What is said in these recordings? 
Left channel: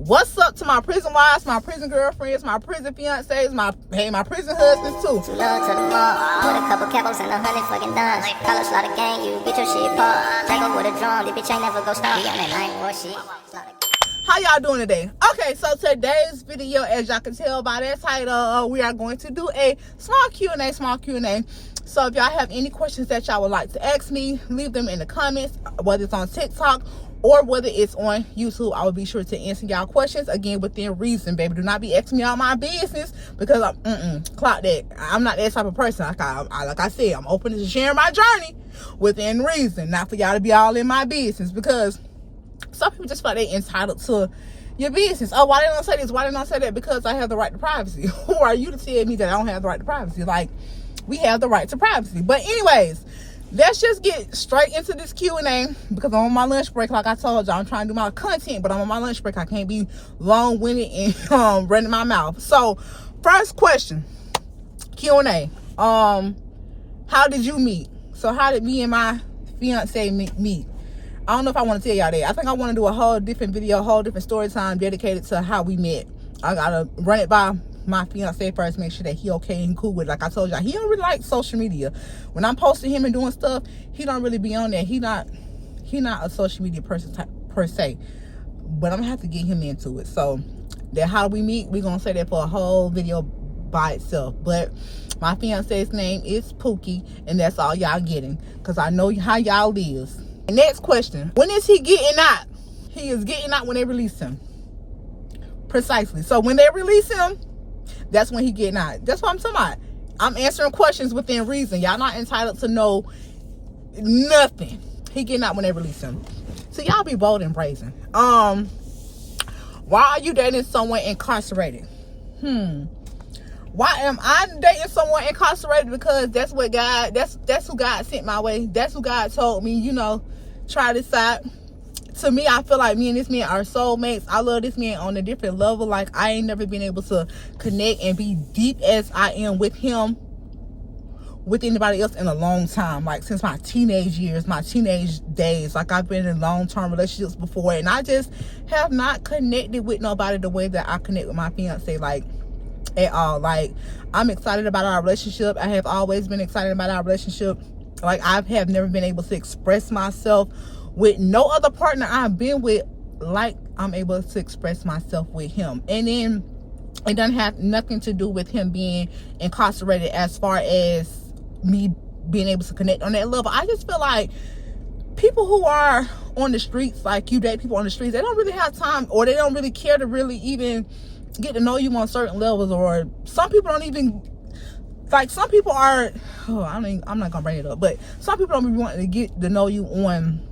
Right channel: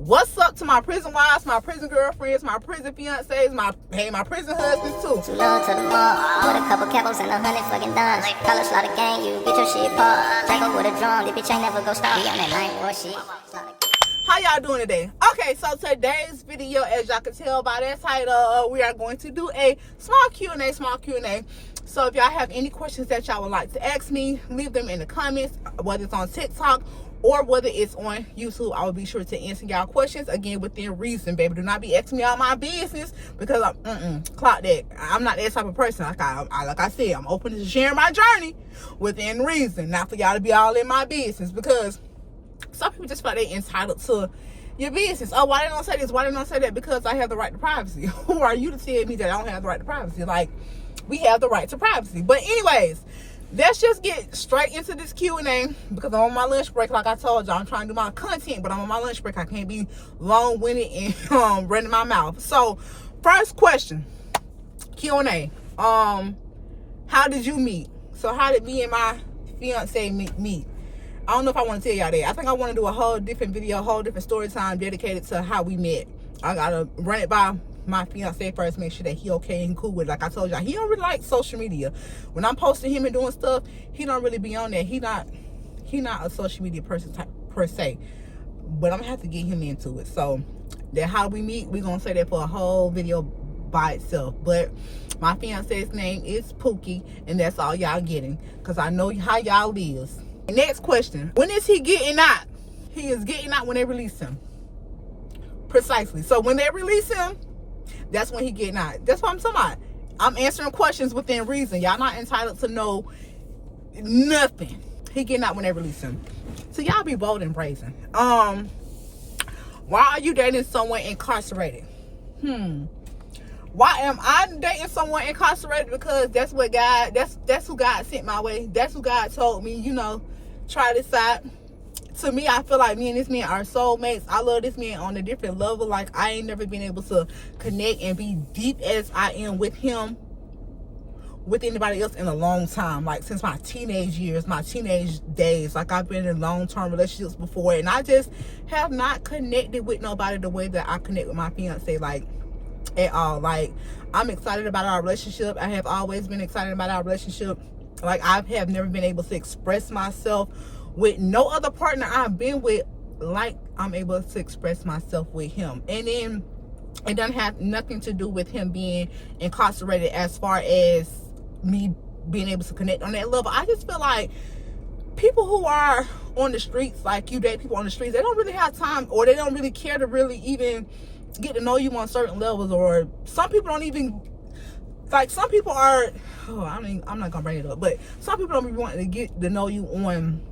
What's up to my prison wives, my prison girlfriends, my prison fiancés, my prison husbands too. Too low to the mall, with a couple capos and 100 fucking dimes. College slaughter gang, you get your shit popped. Drago with a drum, this bitch ain't never go stop. We on that night war shit. How y'all doing today? Okay, so today's video, as y'all can tell by that title, we are going to do a small Q&A. So if y'all have any questions that y'all would like to ask me, leave them in the comments, whether it's on TikTok or whether it's on YouTube. I will be sure to answer y'all questions, again, within reason, baby. Do not be asking me all my business, because clock that. I'm not that type of person. Like I said, I'm open to sharing my journey within reason, not for y'all to be all in my business, because some people just feel like they're entitled to your business. Oh, why they don't say this? Why they don't say that? Because I have the right to privacy. Who are you to tell me that I don't have the right to privacy? Like, we have the right to privacy. But anyways, let's just get straight into this Q&A, because I'm on my lunch break. Like I told y'all, I'm trying to do my content, but I'm on my lunch break. I can't be long-winded and running my mouth. So, first question, Q&A. How did you meet? So, how did me and my fiance meet? I don't know if I want to tell y'all that. I think I want to do a whole different video, a whole different story time dedicated to how we met. I gotta run it by my fiance first, make sure that he okay and cool with it. Like I told y'all, he don't really like social media. When I'm posting him and doing stuff, he don't really be on there. He not a social media person type per se, but I'm gonna have to get him into it. So that how we meet, we're gonna say that for a whole video by itself. But my fiance's name is Pookie, and that's all y'all getting, because I know how y'all live. Next question, when is he getting out? He is getting out when they release him. Precisely. So when they release him, that's when he getting out. That's what I'm talking about. I'm answering questions within reason. Y'all not entitled to know nothing. He getting out when they release him. So y'all be bold and brazen. Why are you dating someone incarcerated? Why am I dating someone incarcerated? Because that's what God, that's who God sent my way. That's who God told me, try this out. To me, I feel like me and this man are soulmates. I love this man on a different level. Like, I ain't never been able to connect and be deep as I am with him, with anybody else in a long time. Like, since my teenage years, my teenage days. Like, I've been in long-term relationships before, and I just have not connected with nobody the way that I connect with my fiance, like, at all. Like, I'm excited about our relationship. I have always been excited about our relationship. Like, I have never been able to express myself with no other partner I've been with like I'm able to express myself with him. And then it doesn't have nothing to do with him being incarcerated as far as me being able to connect on that level. I just feel like people who are on the streets, like you date people on the streets, they don't really have time, or they don't really care to really even get to know you on certain levels. Or some people don't even, like, some people are, I'm not gonna bring it up, but some people don't be wanting to get to know you on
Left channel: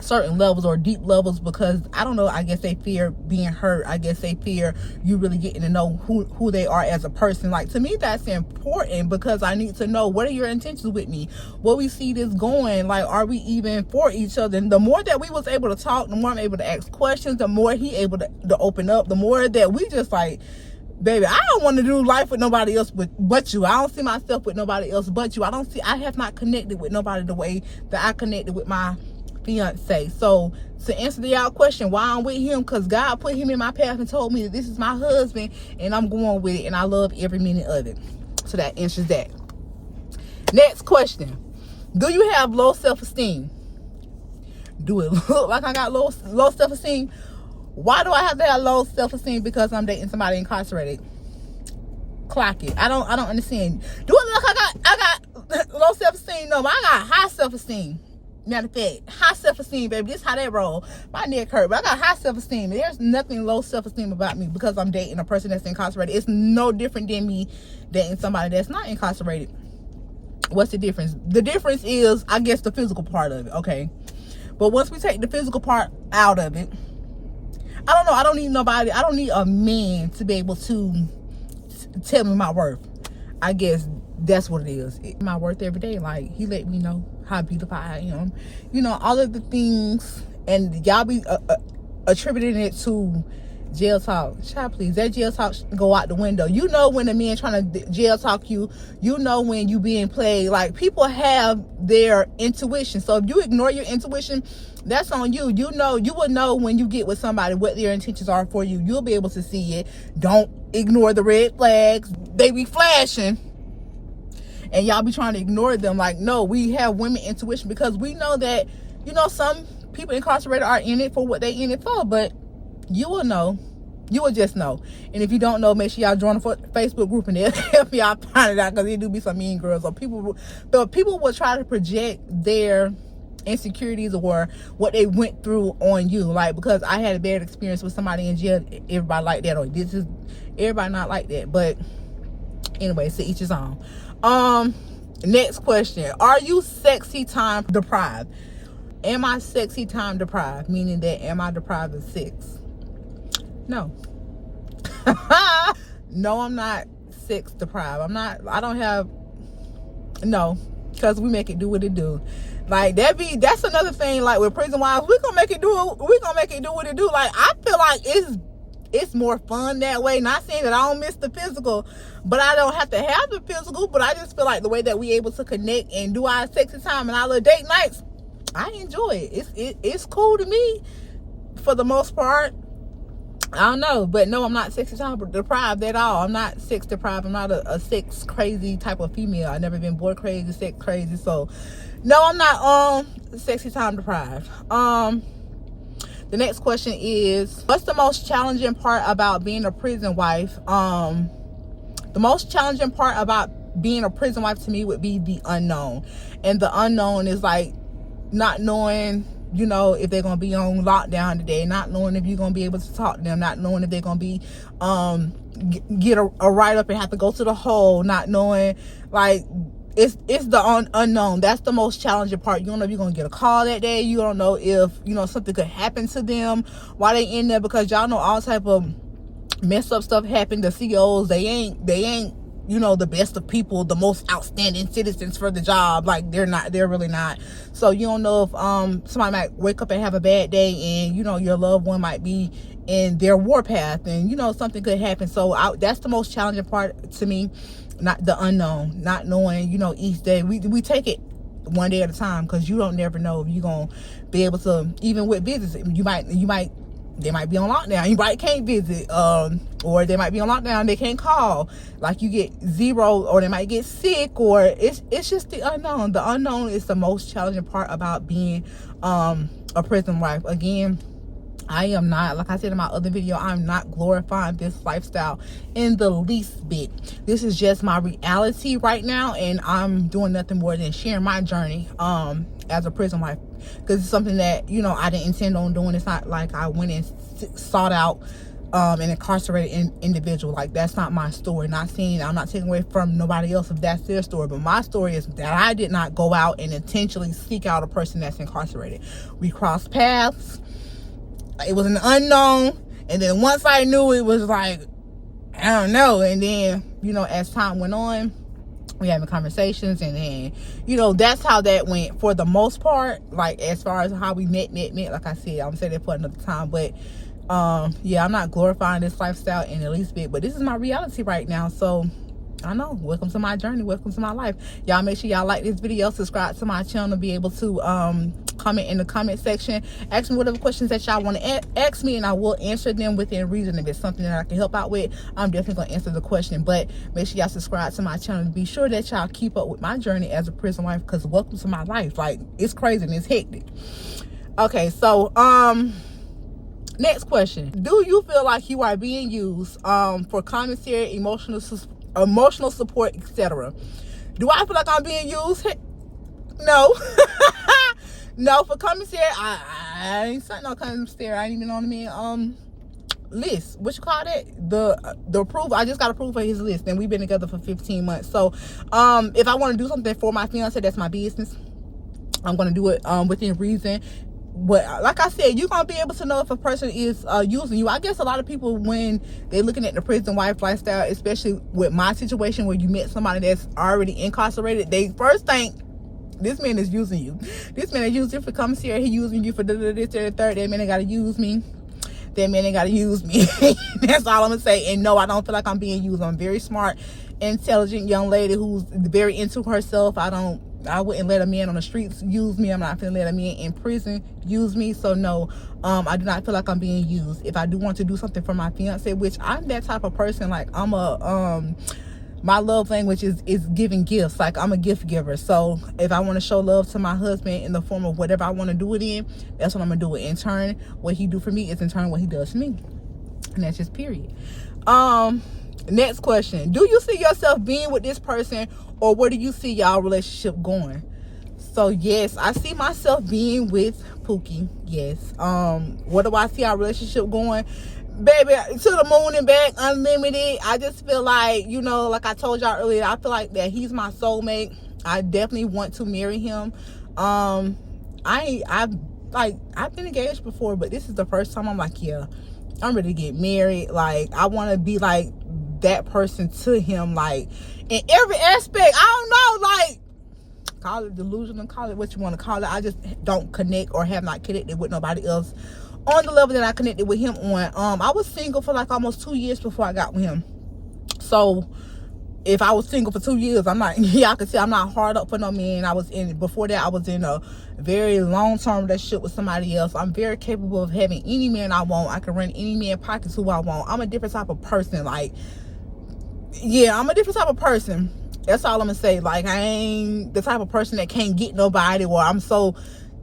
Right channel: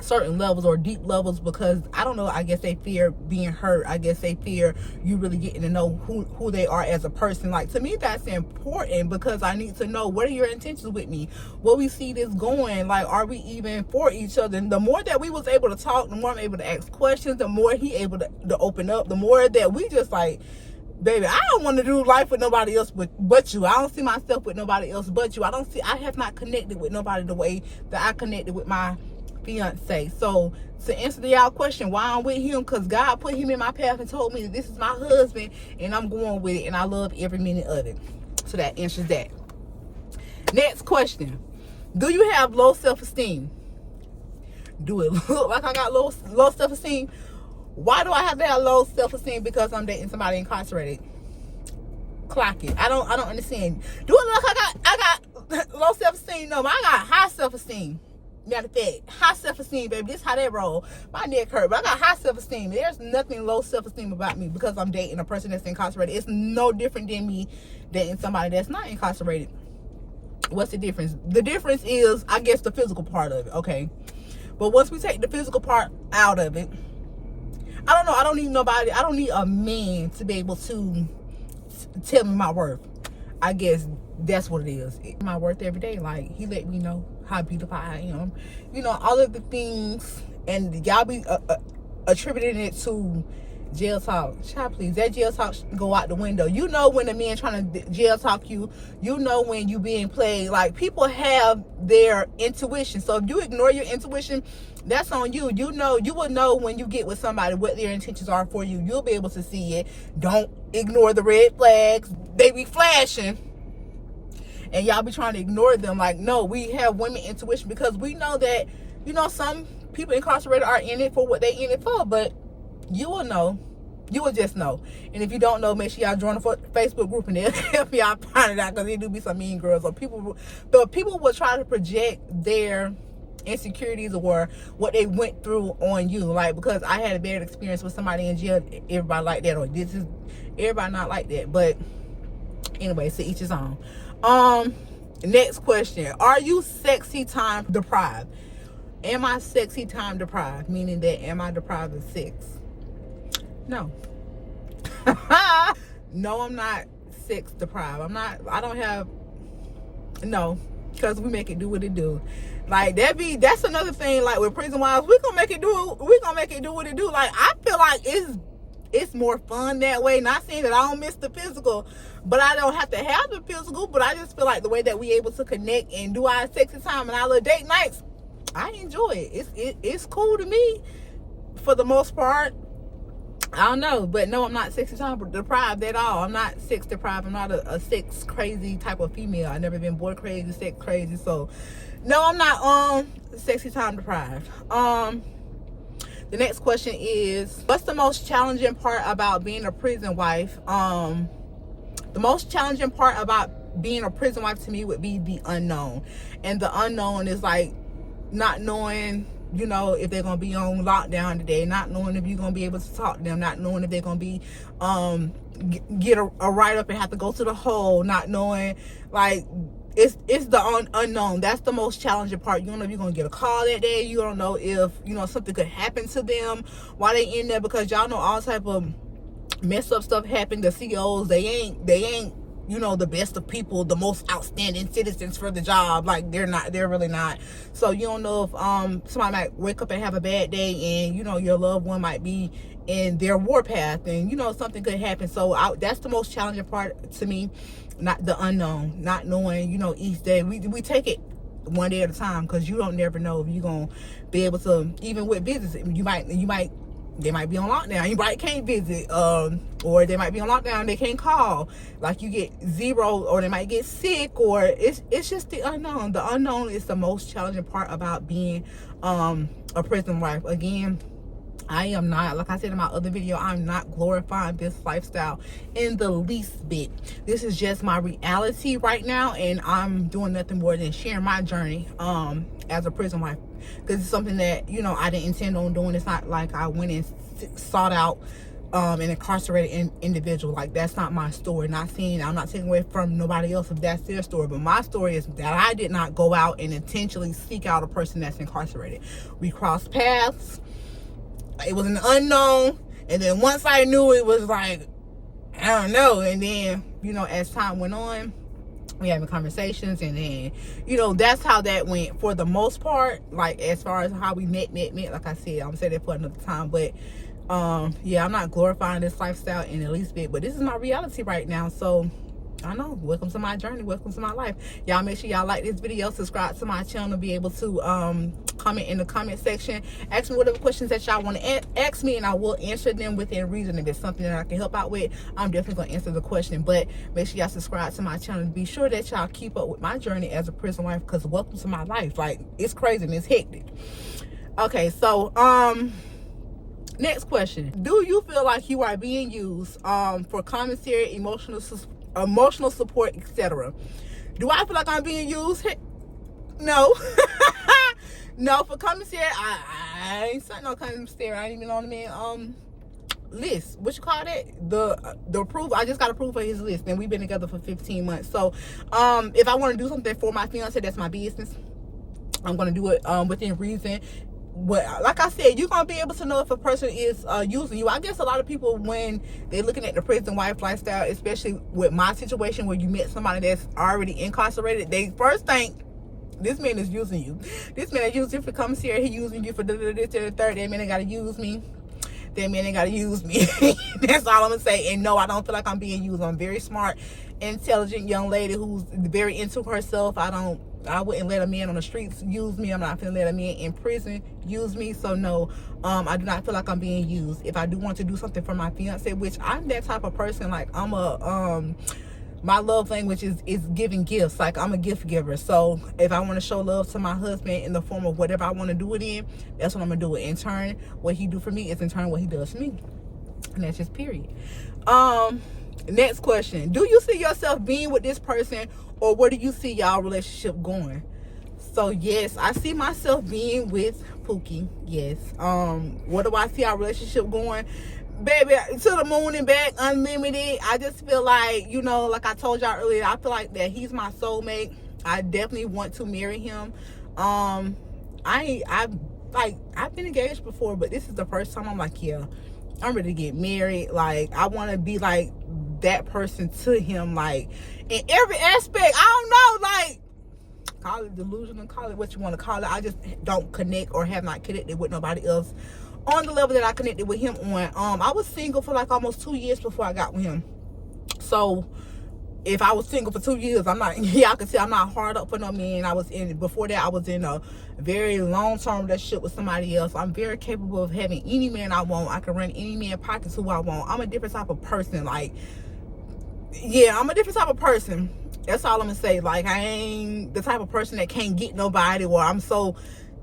certain levels or deep levels, because I don't know, I guess they fear being hurt. I guess they fear you really getting to know who they are as a person. Like, to me, that's important, because I need to know, what are your intentions with me? Where we see this going? Like, are we even for each other? And the more that we was able to talk, the more I'm able to ask questions, the more he able to open up, the more that we just like, baby, I don't want to do life with nobody else but you. I don't see myself with nobody else but you. I have not connected with nobody the way that I connected with my fiance. So to answer y'all question, why I'm with him, because God put him in my path and told me that this is my husband, and I'm going with it, and I love every minute of it. So that answers that. Next question, do you have low self-esteem? Do it look like I got low self-esteem? Why do I have to have low self-esteem? Because I'm dating somebody incarcerated. Clock it. I don't understand. Do it look like I got low self-esteem? No, I got high self-esteem. Matter of fact, high self-esteem, baby. This how they roll. My neck hurt, but I got high self-esteem. There's nothing low self-esteem about me, because I'm dating a person that's incarcerated. It's no different than me dating somebody that's not incarcerated. What's the difference? The difference is, I guess, the physical part of it, okay? But once we take the physical part out of it, I don't know. I don't need nobody. I don't need a man to be able to tell me my worth. I guess that's what it is. My worth every day. Like, he let me know how beautiful I am. All of the things, and y'all be attributing it to Jail talk, child, please. That jail talk go out the window. You know when a man trying to jail talk you. You know when you being played. Like, people have their intuition. So if you ignore your intuition, that's on you. You know, you will know when you get with somebody what their intentions are for you. You'll be able to see it. Don't ignore the red flags. They be flashing, and y'all be trying to ignore them. Like, no, we have women intuition, because we know that, you know, some people incarcerated are in it for what they in it for, but you will know. You will just know. And if you don't know, make sure y'all join the Facebook group, and they'll help y'all find it out, because there do be some mean girls, or people will try to project their insecurities or what they went through on you. Like, because I had a bad experience with somebody in jail, everybody like that, or this is everybody not like that. But anyway, so each his own. Next question: are you sexy time deprived? Am I sexy time deprived? Meaning that, am I deprived of sex? No. No, I'm not sex deprived. I don't have, no, because we make it do what it do. Like, that's another thing. Like, with Prison Wives, we're gonna make it do what it do. Like, I feel like it's more fun that way. Not saying that I don't miss the physical, but I don't have to have the physical. But I just feel like the way that we able to connect and do our sexy time and our little date nights, I enjoy it. It's cool to me for the most part. I don't know, but no, I'm not sexy time deprived at all. I'm not sex deprived. I'm not a sex crazy type of female. I've never been boy crazy, sex crazy. So no, I'm not sexy time deprived. The next question is, what's the most challenging part about being a prison wife? The most challenging part about being a prison wife to me would be the unknown. And the unknown is like not knowing, you know, if they're gonna be on lockdown today, not knowing if you're gonna be able to talk to them, not knowing if they're gonna be get a write-up and have to go to the hole, not knowing, like, it's the unknown. That's the most challenging part. You don't know if you're gonna get a call that day. You don't know if, you know, something could happen to them while they in there, because y'all know all type of messed up stuff happen. The CEOs, they ain't you know, the best of people, the most outstanding citizens for the job. Like, they're really not. So you don't know if somebody might wake up and have a bad day, and, you know, your loved one might be in their warpath, and, you know, something could happen. So that's the most challenging part to me, not the unknown, not knowing, you know, each day. We take it one day at a time, because you don't never know if you're gonna be able to, even with business, they might be on lockdown, you might can't visit, or they might be on lockdown, they can't call, like, you get zero, or they might get sick, or it's just the unknown. The unknown is the most challenging part about being a prison wife. Again, I am not, like I said in my other video, I'm not glorifying this lifestyle in the least bit. This is just my reality right now, and I'm doing nothing more than sharing my journey as a prison wife, because it's something that, you know, I didn't intend on doing. It's not like I went and sought out an incarcerated individual. Like, that's not my story. I'm not taking away from nobody else if that's their story, but my story is that I did not go out and intentionally seek out a person that's incarcerated. We crossed paths. It was an unknown, and then once I knew, it was like, I don't know. And then, you know, as time went on, we having conversations, and then, you know, that's how that went for the most part. Like, as far as how we met, like I said, I'm gonna say that for another time. But yeah, I'm not glorifying this lifestyle in the least bit, but this is my reality right now. So I know, welcome to my journey, welcome to my life. Y'all make sure y'all like this video, subscribe to my channel, be able to comment in the comment section, ask me whatever questions that y'all want to ask me, and I will answer them within reason. If it's something that I can help out with, I'm definitely gonna answer the question. But make sure y'all subscribe to my channel, be sure that y'all keep up with my journey as a prison wife, because welcome to my life. Like, it's crazy and it's hectic. Okay, so next question: do you feel like you are being used for commissary, emotional support, etc.? Do I feel like I'm being used? No. No, for commissary, I ain't signed no commissary. I ain't even on the man list. What you call that? The approval. I just got approved for his list, and we've been together for 15 months. So if I want to do something for my fiance, that's my business. I'm gonna do it within reason. But like I said, you're gonna be able to know if a person is using you. I guess a lot of people, when they're looking at the prison wife lifestyle, especially with my situation where you met somebody that's already incarcerated, they first think, this man is using you. This man is using you for commissary. He using you for this, that, third. That man, they gotta use me. that man ain't gotta use me. That's all I'm gonna say. And no, I don't feel like I'm being used. I'm a very smart, intelligent young lady who's very into herself. I wouldn't let a man on the streets use me. I'm not gonna let a man in prison use me. So no, I do not feel like I'm being used. If I do want to do something for my fiance, which I'm that type of person, like I'm a my love language is giving gifts. Like I'm a gift giver. So if I want to show love to my husband in the form of whatever I want to do it in, that's what I'm gonna do it. In turn, what he do for me is in turn what he does for me. And that's just period. Next question. Do you see yourself being with this person, or where do you see y'all relationship going? So yes, I see myself being with Pookie. Yes. Where do I see our relationship going? Baby, to the moon and back, unlimited. I just feel like, you know, like I told y'all earlier, I feel like that he's my soulmate. I definitely want to marry him. I've been engaged before, but this is the first time I'm like, yeah, I'm ready to get married. Like, I want to be like that person to him, like in every aspect. I don't know, like, call it delusional, call it what you want to call it. I just don't connect or have not connected with nobody else on the level that I connected with him on. I was single for like almost 2 years before I got with him. So if I was single for 2 years, I'm not, yeah, I can see I'm not hard up for no man. Before that, I was in a very long-term relationship with somebody else. I'm very capable of having any man I want. I can run any man pockets who I want. I'm a different type of person. Like, yeah, I'm a different type of person. That's all I'm gonna say. Like, I ain't the type of person that can't get nobody, or I'm so,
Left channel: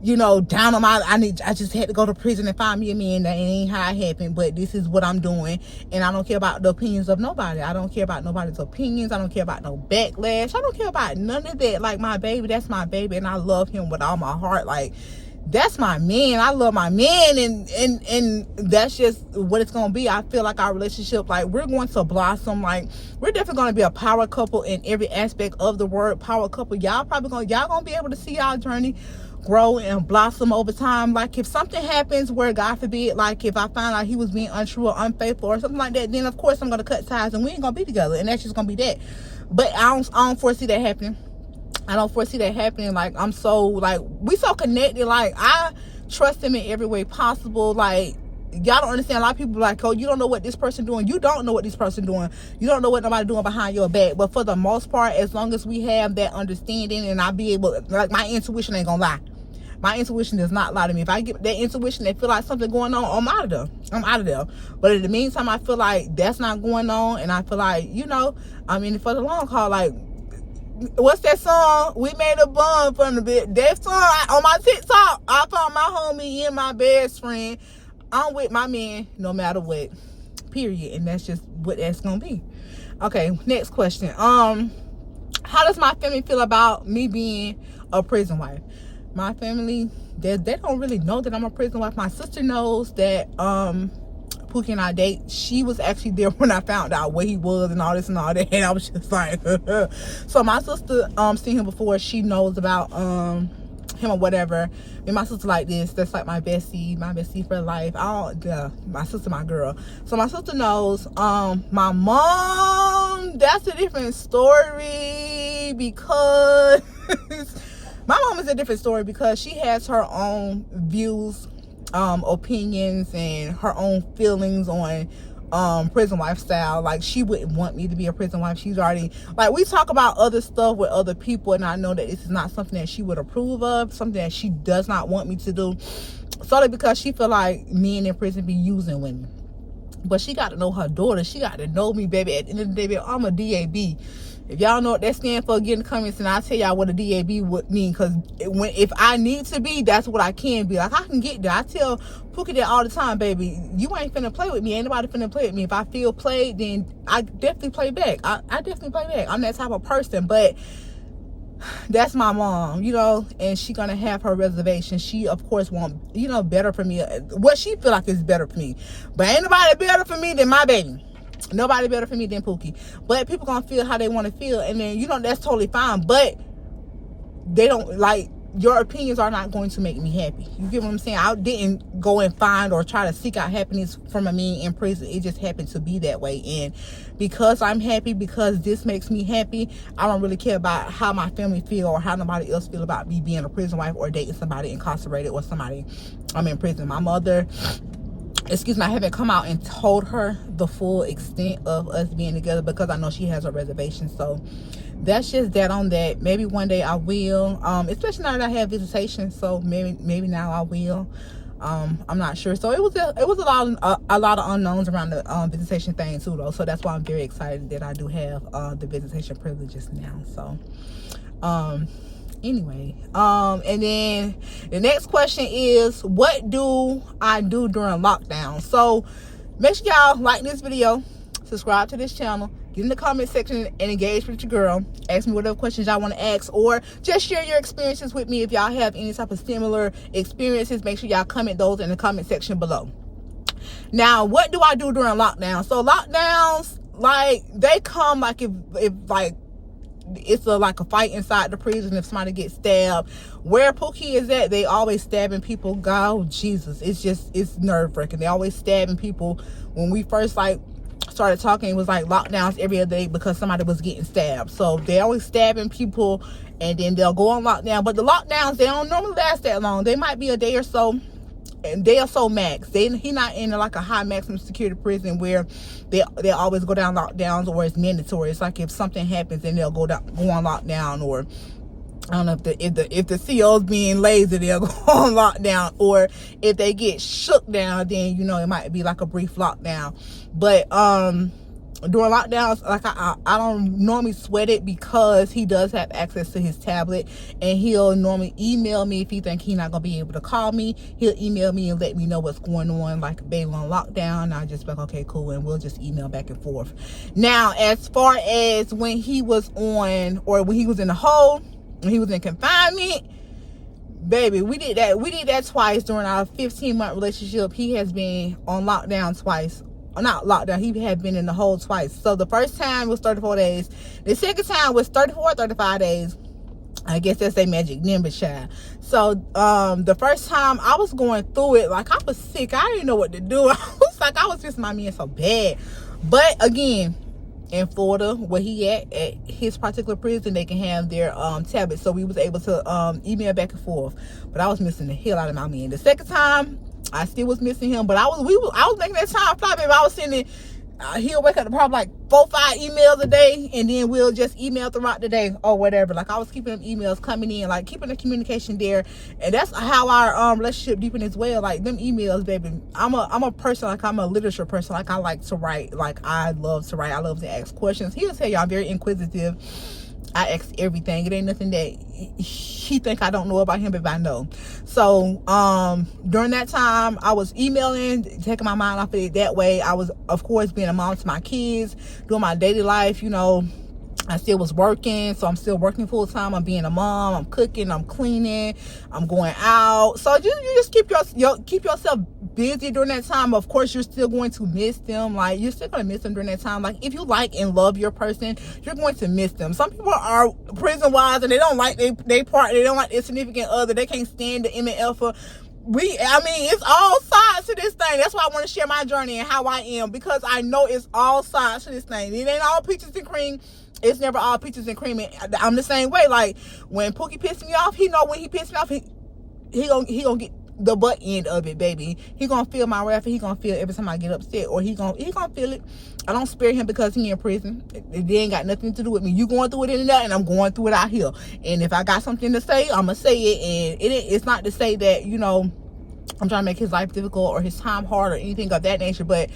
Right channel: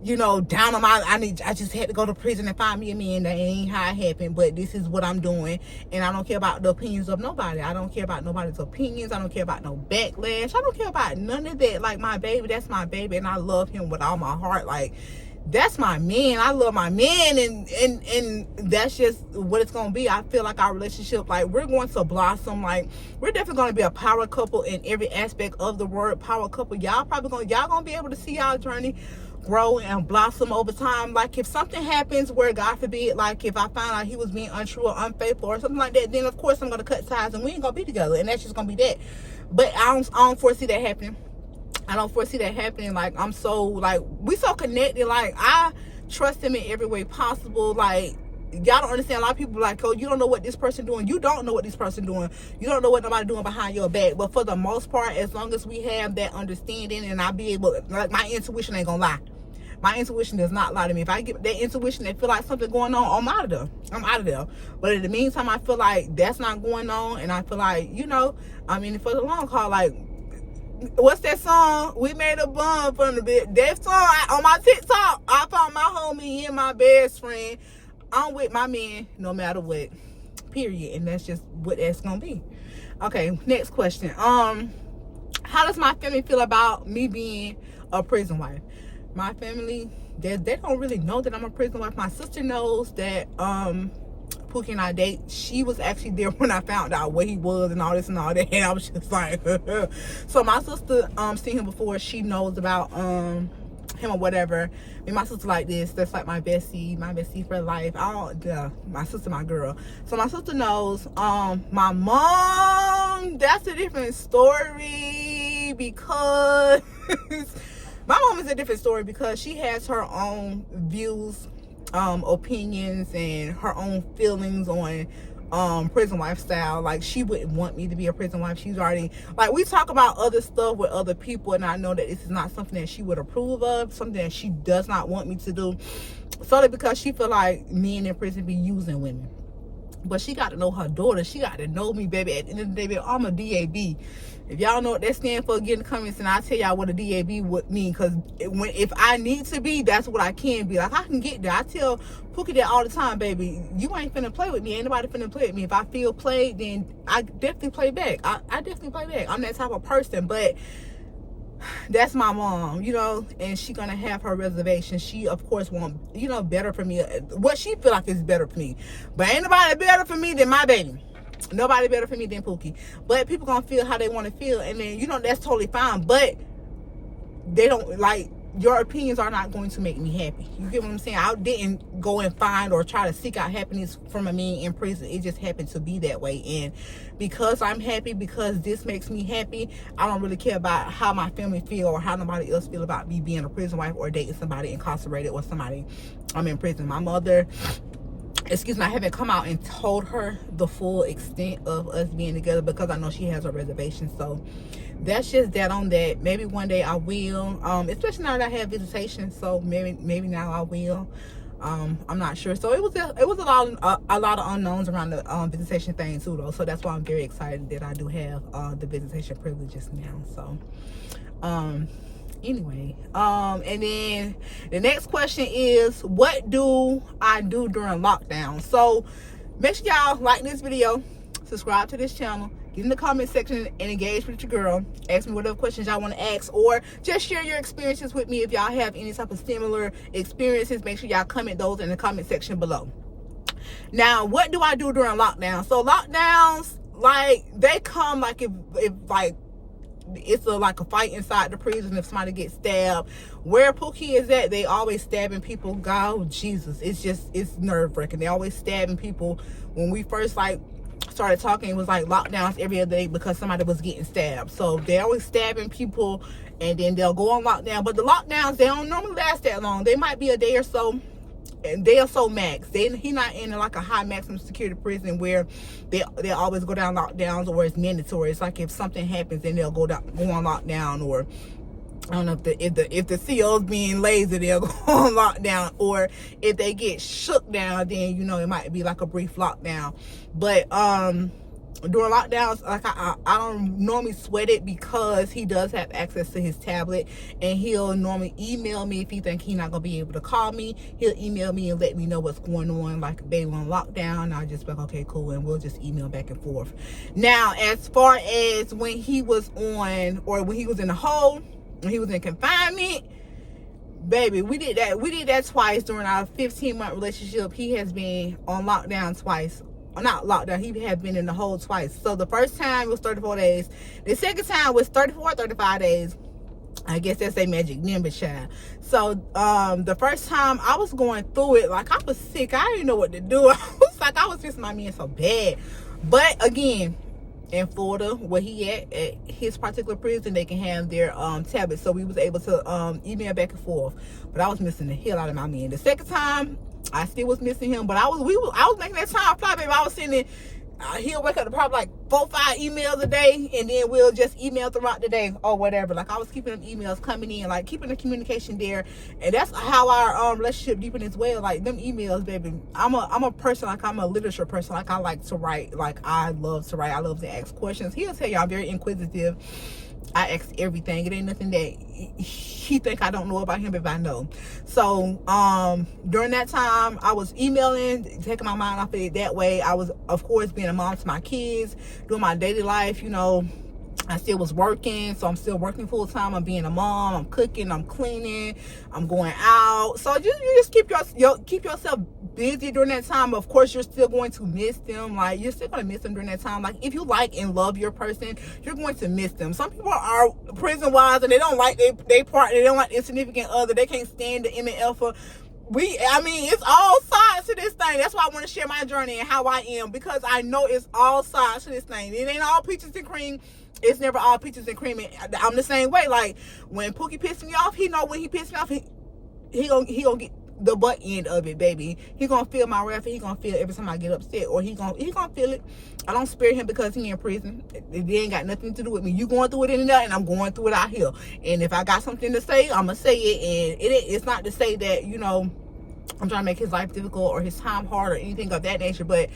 you know, down on my, I just had to go to prison and find me a man. That ain't how it happened, but this is what I'm doing. And I don't care about the opinions of nobody. I don't care about nobody's opinions. I don't care about no backlash. I don't care about none of that. Like, my baby, that's my baby, and I love him with all my heart. Like, that's my man. I love my man, and that's just what it's gonna be. I feel like our relationship, like, we're going to blossom. Like, we're definitely gonna be a power couple in every aspect of the word power couple. Y'all gonna be able to see our journey grow and blossom over time. Like, if something happens where, God forbid, like if I find out he was being untrue or unfaithful or something like that, then of course I'm gonna cut ties and we ain't gonna be together, and that's just gonna be that. But I don't foresee that happening. I don't foresee that happening. Like, I'm so, like, we so connected. Like, I trust him in every way possible. Like, y'all don't understand. A lot of people are like, oh, you don't know what this person doing. You don't know what this person doing. You don't know what nobody doing behind your back. But for the most part, as long as we have that understanding, and I be able, like, my intuition ain't gonna lie. My intuition does not lie to me. If I get that intuition that feel like something going on, I'm out of there. I'm out of there. But in the meantime, I feel like that's not going on, and I feel like, you know, I mean, for the long haul, like, what's that song? We made a bond from the bit. That song on my TikTok. I found my homie and my best friend. I'm with my man no matter what. Period. And that's just what that's gonna be. Okay, next question. How does my family feel about me being a prison wife? My family, they don't really know that I'm a prison wife. My sister knows that Pookie and I date. She was actually there when I found out where he was and all this and all that, and I was just like so my sister seen him before. She knows about him or whatever. And my sister like this, that's like my bestie for life. My sister, my girl. So my sister knows. My mom, that's a different story, because my mom is a different story because she has her own views, opinions, and her own feelings on prison wife style. Like, she wouldn't want me to be a prison wife. She's already, like, we talk about other stuff with other people, and I know that this is not something that she would approve of, something that she does not want me to do, solely because she feel like men in prison be using women. But she got to know her daughter. She got to know me, baby. At the end of the day, baby, I'm a DAB. If y'all know what that stands for, get in the comments and I'll tell y'all what a DAB would mean. Because if I need to be, that's what I can be. Like, I can get there. I tell Pookie that all the time, baby. You ain't finna play with me. Ain't nobody finna play with me. If I feel played, then I definitely play back. I definitely play back. I'm that type of person. But that's my mom, you know, and she gonna have her reservation. She, of course, want, you know, better for me. What she feel like is better for me. But ain't nobody better for me than my baby. Nobody better for me than Pookie. But people gonna feel how they want to feel, and then, you know, that's totally fine. But they don't, like, your opinions are not going to make me happy. You get what I'm saying? I didn't go and find or try to seek out happiness from a man in prison. It just happened to be that way. And because I'm happy, because this makes me happy, I don't really care about how my family feel or how nobody else feel about me being a prison wife or dating somebody incarcerated or somebody I'm in prison. My mother, excuse me, I haven't come out and told her the full extent of us being together because I know she has her reservations. So that's just that on that. Maybe one day I will, especially now that I have visitation. So maybe now I will. I'm not sure. So it was a lot of unknowns around the visitation thing too, though. So that's why I'm very excited that I do have the visitation privileges now. So anyway, and then the next question is, what do I do during lockdown? So make sure y'all like this video, subscribe to this channel, get in the comment section and engage with your girl. Ask me whatever questions y'all want to ask, or just share your experiences with me. If y'all have any type of similar experiences, make sure y'all comment those in the comment section below. Now, what do I do during lockdown? So lockdowns, like, they come like if like it's like a fight inside the prison. If somebody gets stabbed, where Pookie is at, they always stabbing people. God, oh Jesus, it's nerve-wracking. They always stabbing people. When we first like started talking, it was like lockdowns every other day because somebody was getting stabbed. So they always stabbing people, and then they'll go on lockdown. But the lockdowns, they don't normally last that long. They might be a day or so, and they are so max. He not in like a high maximum security prison where they always go down lockdowns, or it's mandatory. It's like if something happens, then they'll go on lockdown, or I don't know if the CO's being lazy, they'll go on lockdown, or if they get shook down, then it might be like a brief lockdown. But during lockdowns, like I don't normally sweat it because he does have access to his tablet, and he'll normally email me if he think he's not gonna be able to call me. He'll email me and let me know what's going on, like baby on lockdown. I just be like, okay, cool, and we'll just email back and forth. Now, as far as when he was on, or when he was in the hole, when he was in confinement, baby, we did that twice during our 15-month relationship. He has been on lockdown twice. Not lockdown, he had been in the hole twice. So the first time was 34 days. The second time was 35 days. I guess that's a magic number, child. So the first time I was going through it, like I was sick. I didn't know what to do. I was missing my man so bad. But again, in Florida, where he at his particular prison, they can have their tablets. So we was able to email back and forth. But I was missing the hell out of my man. The second time, I still was missing him, but I was making that time fly, baby. I was sending, he'll wake up to probably like 4-5 emails a day, and then we'll just email throughout the day or whatever. Like I was keeping them emails coming in, like keeping the communication there, and that's how our relationship deepened as well. Like them emails, baby. I'm a person, like I'm a literature person. Like I like to write. Like I love to write. I love to ask questions. He'll tell you I'm very inquisitive. I ask everything. It ain't nothing that he think I don't know about him if I know. So during that time, I was emailing, taking my mind off of it that way. I was, of course, being a mom to my kids, doing my daily life. I still was working, so I'm still working full time. I'm being a mom. I'm cooking. I'm cleaning. I'm going out. So you just keep yourself busy during that time. Of course, you're still going to miss them. Like you're still gonna miss them during that time. Like if you like and love your person, you're going to miss them. Some people are prison wise and they don't like they partner. They don't like their significant other. They can't stand the MNF. It's all sides to this thing. That's why I want to share my journey and how I am, because I know it's all sides to this thing. It ain't all peaches and cream. It's never all peaches and cream. I'm the same way. Like when Pookie pissed me off, he know when he pissed me off, he gonna get the butt end of it, baby. He gonna feel my wrath, and he gonna feel it every time I get upset, or he gonna feel it. I don't spare him because he in prison. It ain't got nothing to do with me. You going through it in there, and I'm going through it out here. And if I got something to say, I'm gonna say it. And it's not to say that I'm trying to make his life difficult or his time hard or anything of that nature, but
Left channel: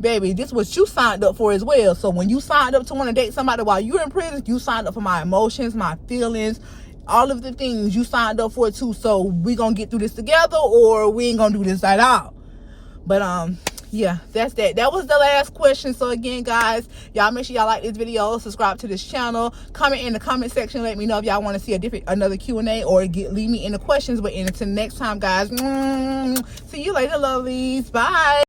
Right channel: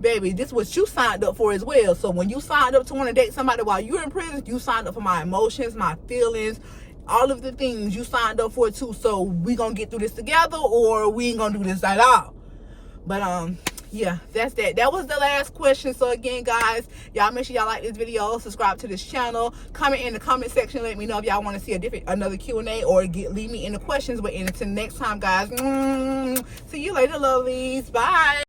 baby, this is what you signed up for as well. So when you signed up to want to date somebody while you're in prison, you signed up for my emotions, my feelings, all of the things you signed up for too. So we gonna get through this together, or we ain't gonna do this at all. But yeah, that's that. That was the last question. So again, guys, y'all make sure y'all like this video, subscribe to this channel, comment in the comment section, let me know if y'all want to see another Q&A, or leave me in the questions. But until next time, guys, see you later, lovelies. Bye.